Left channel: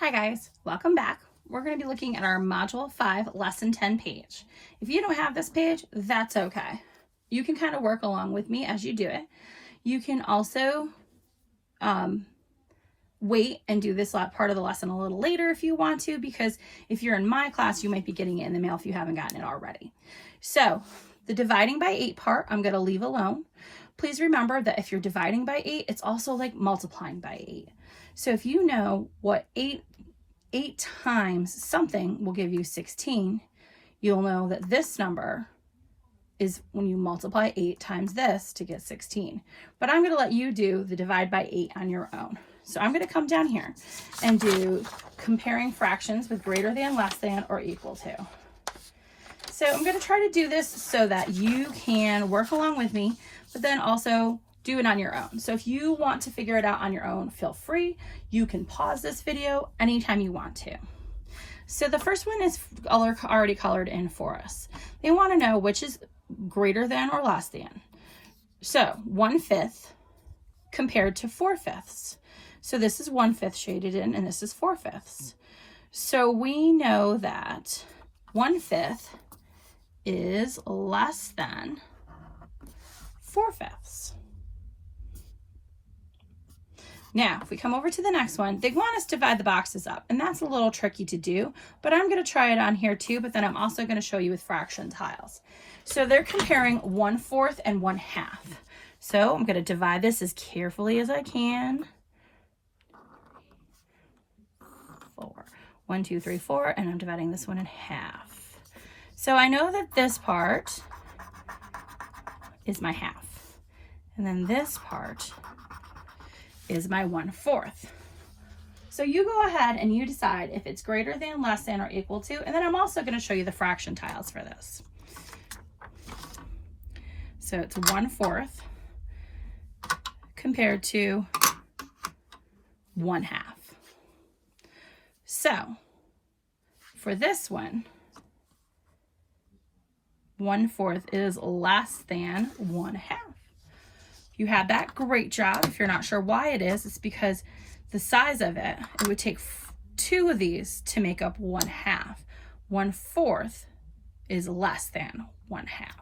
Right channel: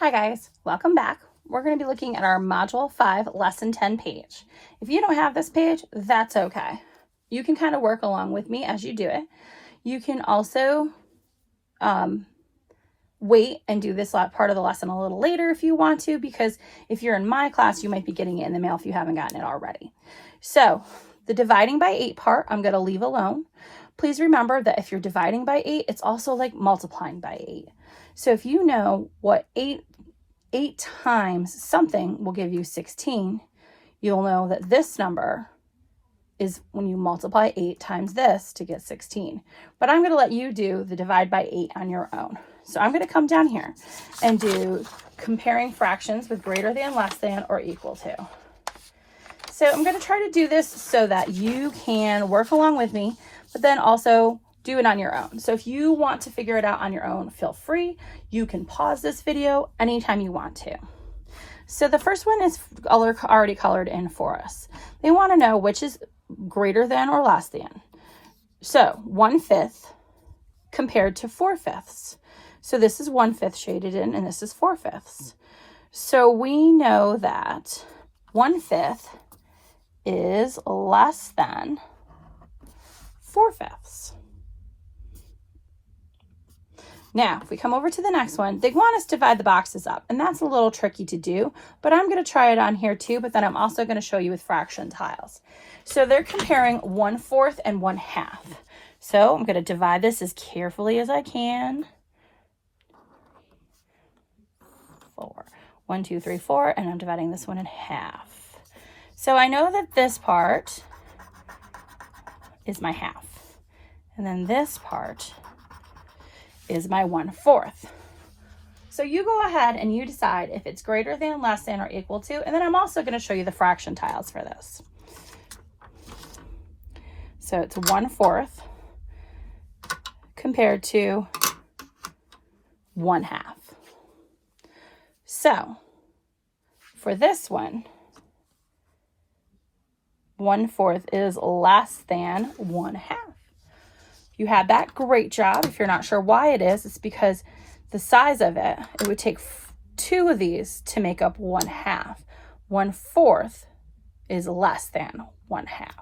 Hi guys, welcome back. We're going to be looking at our Module 5 Lesson 10 page. If you don't have this page, that's okay. You can kind of work along with me as you do it. You can also wait and do this part of the lesson a little later if you want to, because if you're in my class, you might be getting it in the mail if you haven't gotten it already. So the dividing by 8 part, I'm going to leave alone. Please remember that if you're dividing by 8, it's also like multiplying by 8. So if you know what 8 times something will give you 16, you'll know that this number is when you multiply 8 times this to get 16. But I'm going to let you do the divide by 8 on your own. So I'm going to come down here and do comparing fractions with greater than, less than, or equal to. So I'm going to try to do this so that you can work along with me, but then also do it on your own. So if you want to figure it out on your own, feel free. You can pause this video anytime you want to. So the first one is already colored in for us. They want to know which is greater than or less than. So 1/5 compared to 4/5. So this is 1/5 shaded in and this is 4/5. So we know that 1/5 is less than 4/5. Now, if we come over to the next one, they want us to divide the boxes up, and that's a little tricky to do, but I'm going to try it on here too, but then I'm also going to show you with fraction tiles. So they're comparing 1/4 and 1/2. So I'm going to divide this as carefully as I can. 4. 1, 2, 3, 4, and I'm dividing this one in half. So I know that this part is my half, and then this part is my 1/4. So you go ahead and you decide if it's greater than, less than, or equal to, and then I'm also going to show you the fraction tiles for this. So it's 1/4 compared to 1/2. So for this one, 1/4 is less than 1/2. You had that, great job. If you're not sure why it is, it's because the size of it, it would take 2 of these to make up 1/2. 1/4 is less than 1/2.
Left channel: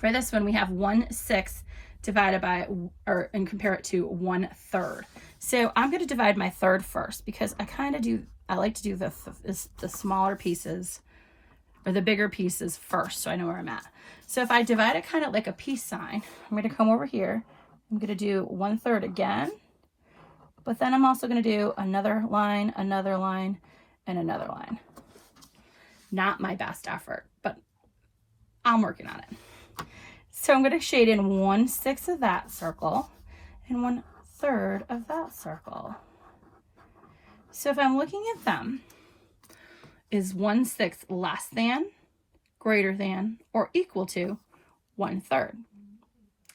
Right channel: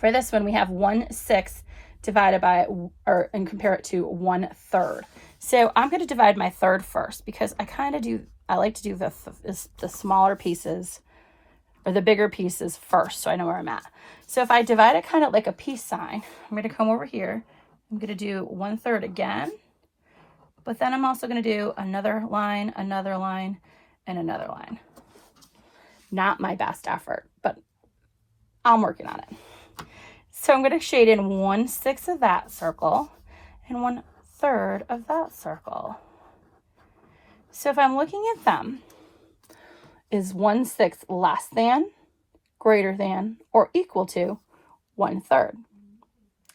For this one, we have 1/6 divided by, and compare it to 1/3. So I'm going to divide my third first because I like to do the smaller pieces or the bigger pieces first, so I know where I'm at. So if I divide it kind of like a peace sign, I'm going to come over here. I'm going to do 1/3 again, but then I'm also going to do another line, and another line. Not my best effort, but I'm working on it. So I'm going to shade in 1/6 of that circle and 1/3 of that circle. So if I'm looking at them, is 1/6 less than, greater than, or equal to 1/3?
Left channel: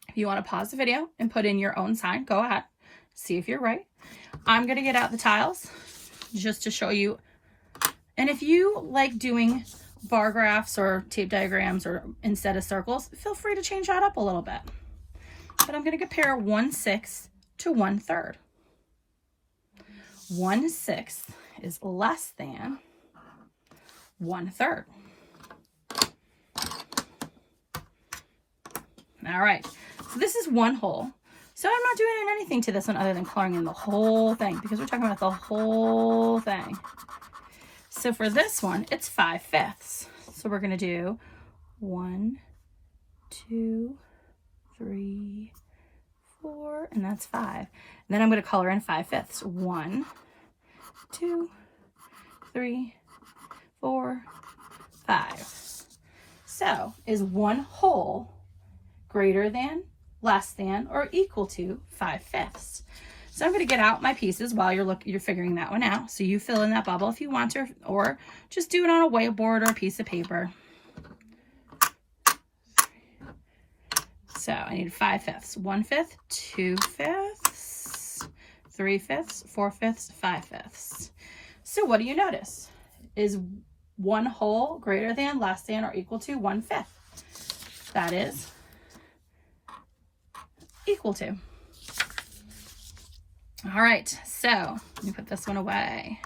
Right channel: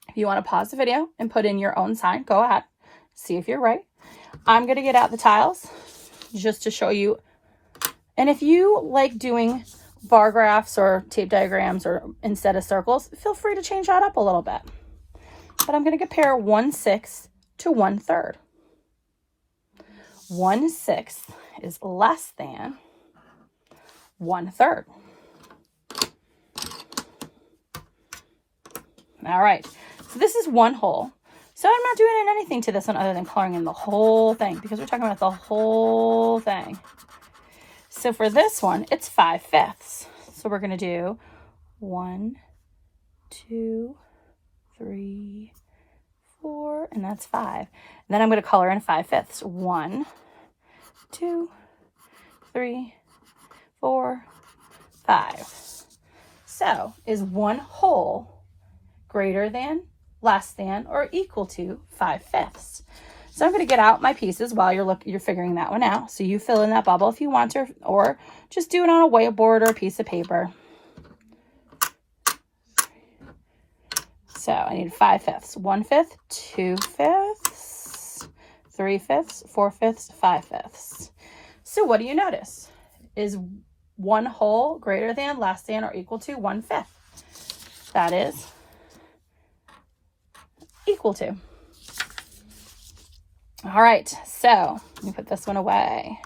If you want to pause the video and put in your own sign, go ahead. See if you're right. I'm going to get out the tiles just to show you. And if you like doing bar graphs or tape diagrams or instead of circles, feel free to change that up a little bit. But I'm going to compare 1/6 to 1/3. 1/6 is less than 1/3. All right, so this is 1 whole. So I'm not doing anything to this one other than coloring in the whole thing because we're talking about the whole thing. So for this one, it's 5/5. So we're going to do 1, 2, 3, 4, and that's 5. And then I'm going to color in 5/5. 1, 2, 3, 4, 5. So is 1 whole greater than, less than, or equal to 5/5? So I'm going to get out my pieces while you're figuring that one out. So you fill in that bubble if you want to, or just do it on a whiteboard or a piece of paper. So I need 5/5. 1/5, 2/5, 3/5, 4/5, 5/5. So what do you notice? Is 1 whole greater than, less than, or equal to 1/5? That is equal to. All right, so let me put this one away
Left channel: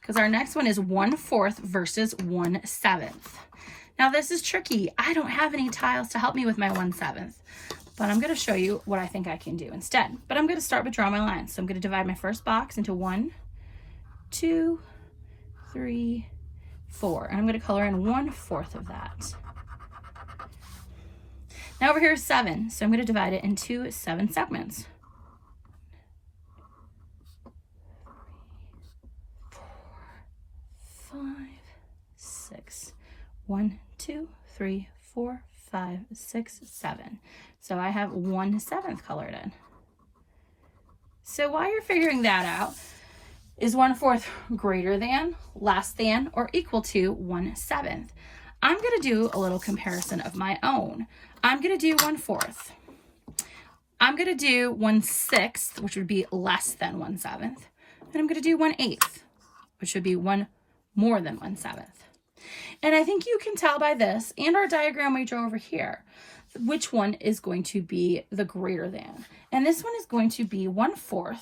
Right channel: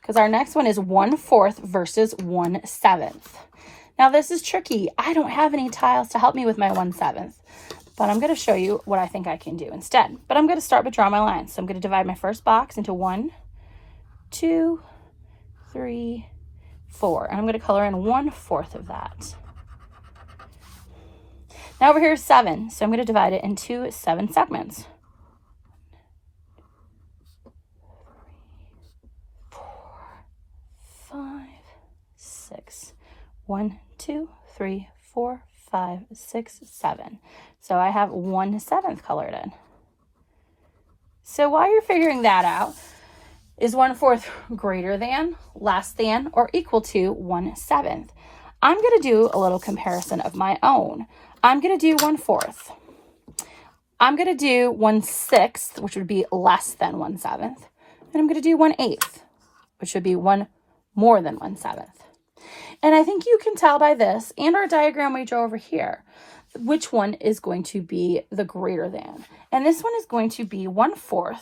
because our next one is 1/4 versus 1/7. Now this is tricky. I don't have any tiles to help me with my 1/7, but I'm going to show you what I think I can do instead. But I'm going to start with draw my lines. So I'm going to divide my first box into 1, 2, 3, 4, and I'm going to color in 1/4 of that. Now over here is 7, so I'm going to divide it into 7 segments. 3, 4, 5, 6. 1, 2, 3, 4, 5, 6, 7. So I have 1/7 colored in. So while you're figuring that out, is 1/4 greater than, less than, or equal to 1/7? I'm going to do a little comparison of my own. I'm going to do 1/4. I'm going to do 1/6, which would be less than 1/7. And I'm going to do 1/8, which would be one more than 1/7. And I think you can tell by this and our diagram we drew over here, which one is going to be the greater than. And this one is going to be 1/4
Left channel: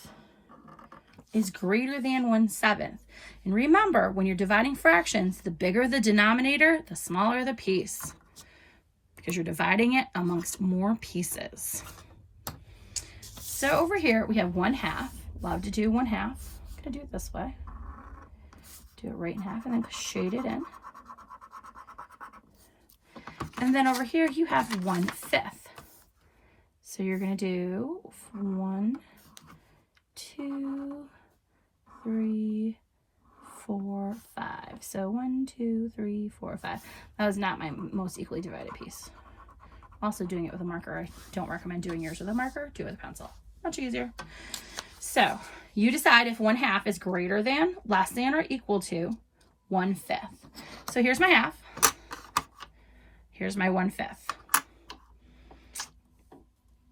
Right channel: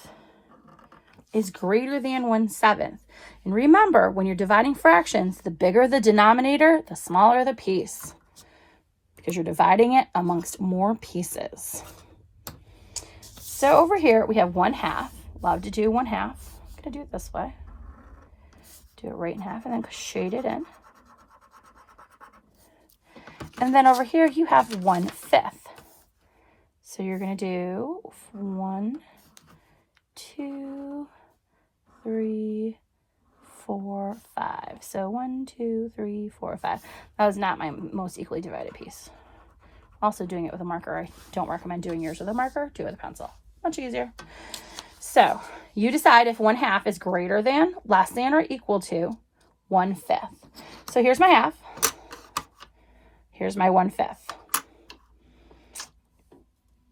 is greater than 1/7. And remember, when you're dividing fractions, the bigger the denominator, the smaller the piece, because you're dividing it amongst more pieces. So over here, we have 1/2. Love to do 1/2. I'm going to do it this way. Do it right in half and then shade it in. And then over here, you have 1/5. So you're going to do 1, 2, 3, 4, 5. So 1, 2, 3, 4, 5. That was not my most equally divided piece. Also doing it with a marker. I don't recommend doing yours with a marker. Do it with a pencil. Much easier. So you decide if 1/2 is greater than, less than, or equal to 1/5. So here's my half. Here's my 1/5.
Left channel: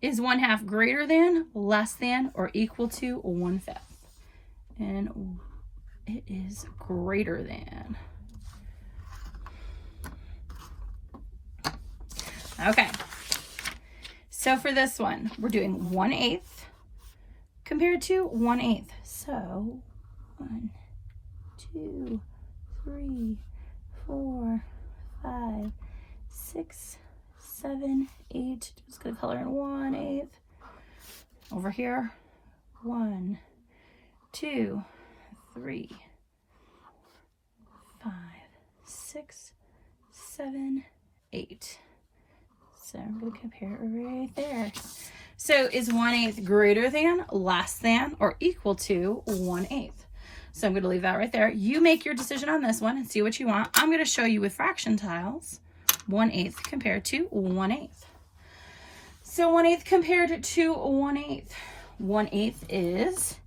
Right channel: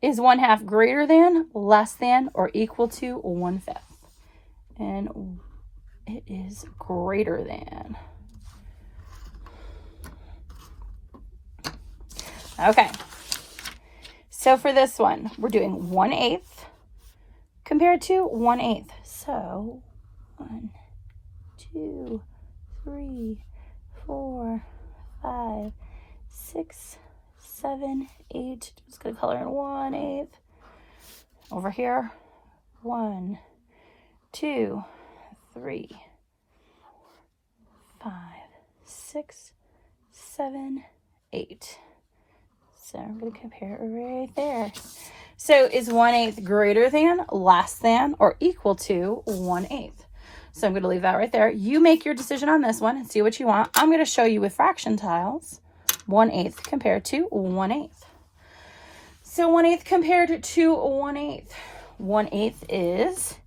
Is 1/2 greater than, less than, or equal to 1/5? And it is greater than. Okay. So for this one, we're doing 1/8 compared to 1/8. So 1, 2, 3, 4, 5, 6, 7, 8. Just gonna color in 1/8. Over here, 1, 2, 3, 5, 6, 7, 8. So I'm gonna compare it right there. So is 1/8 greater than, less than, or equal to 1/8? So I'm gonna leave that right there. You make your decision on this one and see what you want. I'm gonna show you with fraction tiles. 1/8 compared to 1/8. So 1/8 compared to 1/8. 1/8 is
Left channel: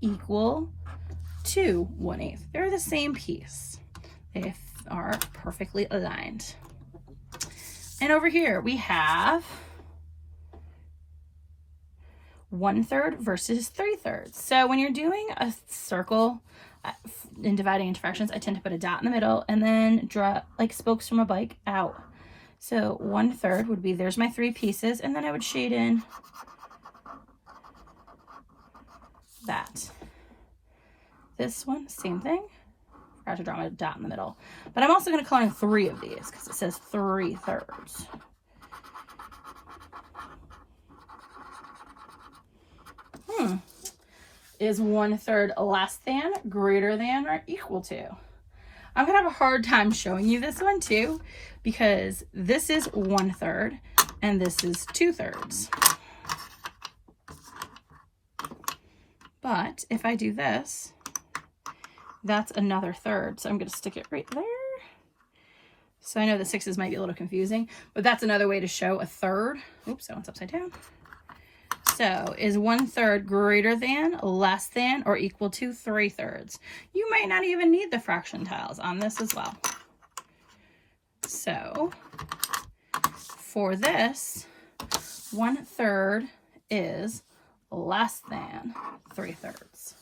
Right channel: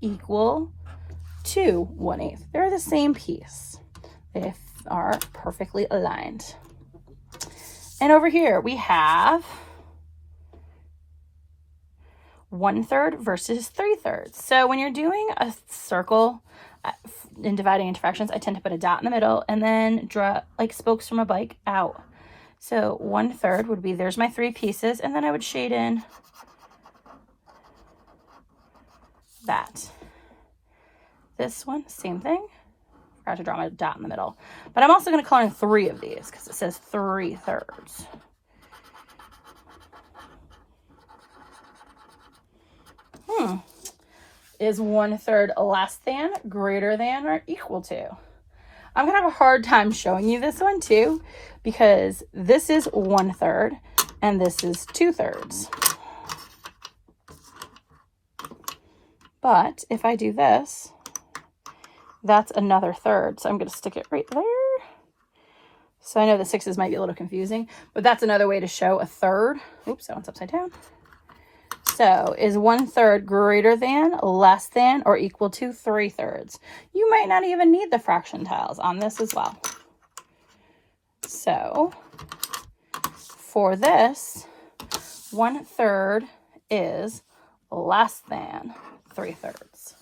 equal to 1/8. They're the same piece. They are perfectly aligned. And over here we have 1/3 versus 3/3. So when you're doing a circle in dividing into fractions, I tend to put a dot in the middle and then draw like spokes from a bike out. So 1/3 would be, there's my 3 pieces, and then I would shade in that. This one, same thing. Forgot to draw my dot in the middle. But I'm also going to color in 3 of these because it says 3/3. Is 1/3 less than, greater than, or equal to? I'm going to have a hard time showing you this one too, because this is 1/3 and this is 2/3. But if I do this, that's another third. So I'm going to stick it right there. So I know the 6s might be a little confusing, but that's another way to show a third. Oops, that one's upside down. So is 1/3 greater than, less than, or equal to 3/3? You might not even need the fraction tiles on this as well. So for this, 1/3 is less than 3/3.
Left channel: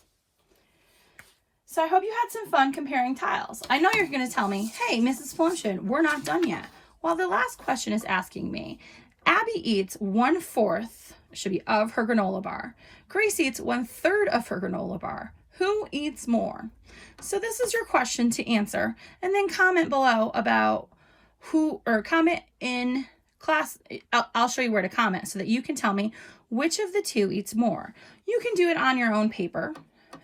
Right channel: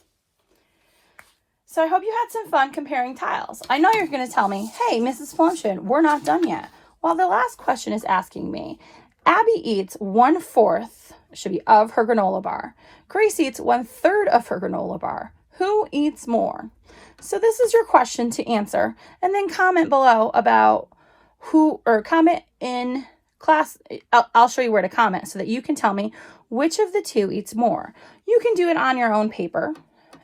So I hope you had some fun comparing tiles. I know you're going to tell me, hey, Mrs. Flumshin, we're not done yet. Well, the last question is asking me, Abby eats 1/4 should be of her granola bar. Grace eats 1/3 of her granola bar. Who eats more? So this is your question to answer, and then comment below about comment in class. I'll show you where to comment so that you can tell me which of the two eats more. You can do it on your own paper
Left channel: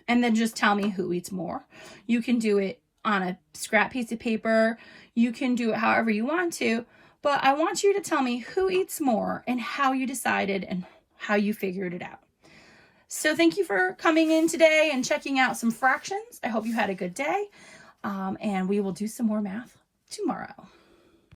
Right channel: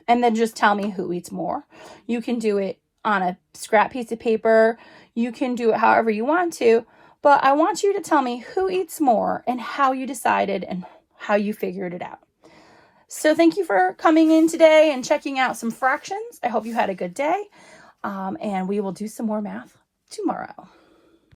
and then just tell me who eats more. You can do it on a scrap piece of paper. You can do it however you want to, but I want you to tell me who eats more and how you decided and how you figured it out. So thank you for coming in today and checking out some fractions. I hope you had a good day, and we will do some more math tomorrow.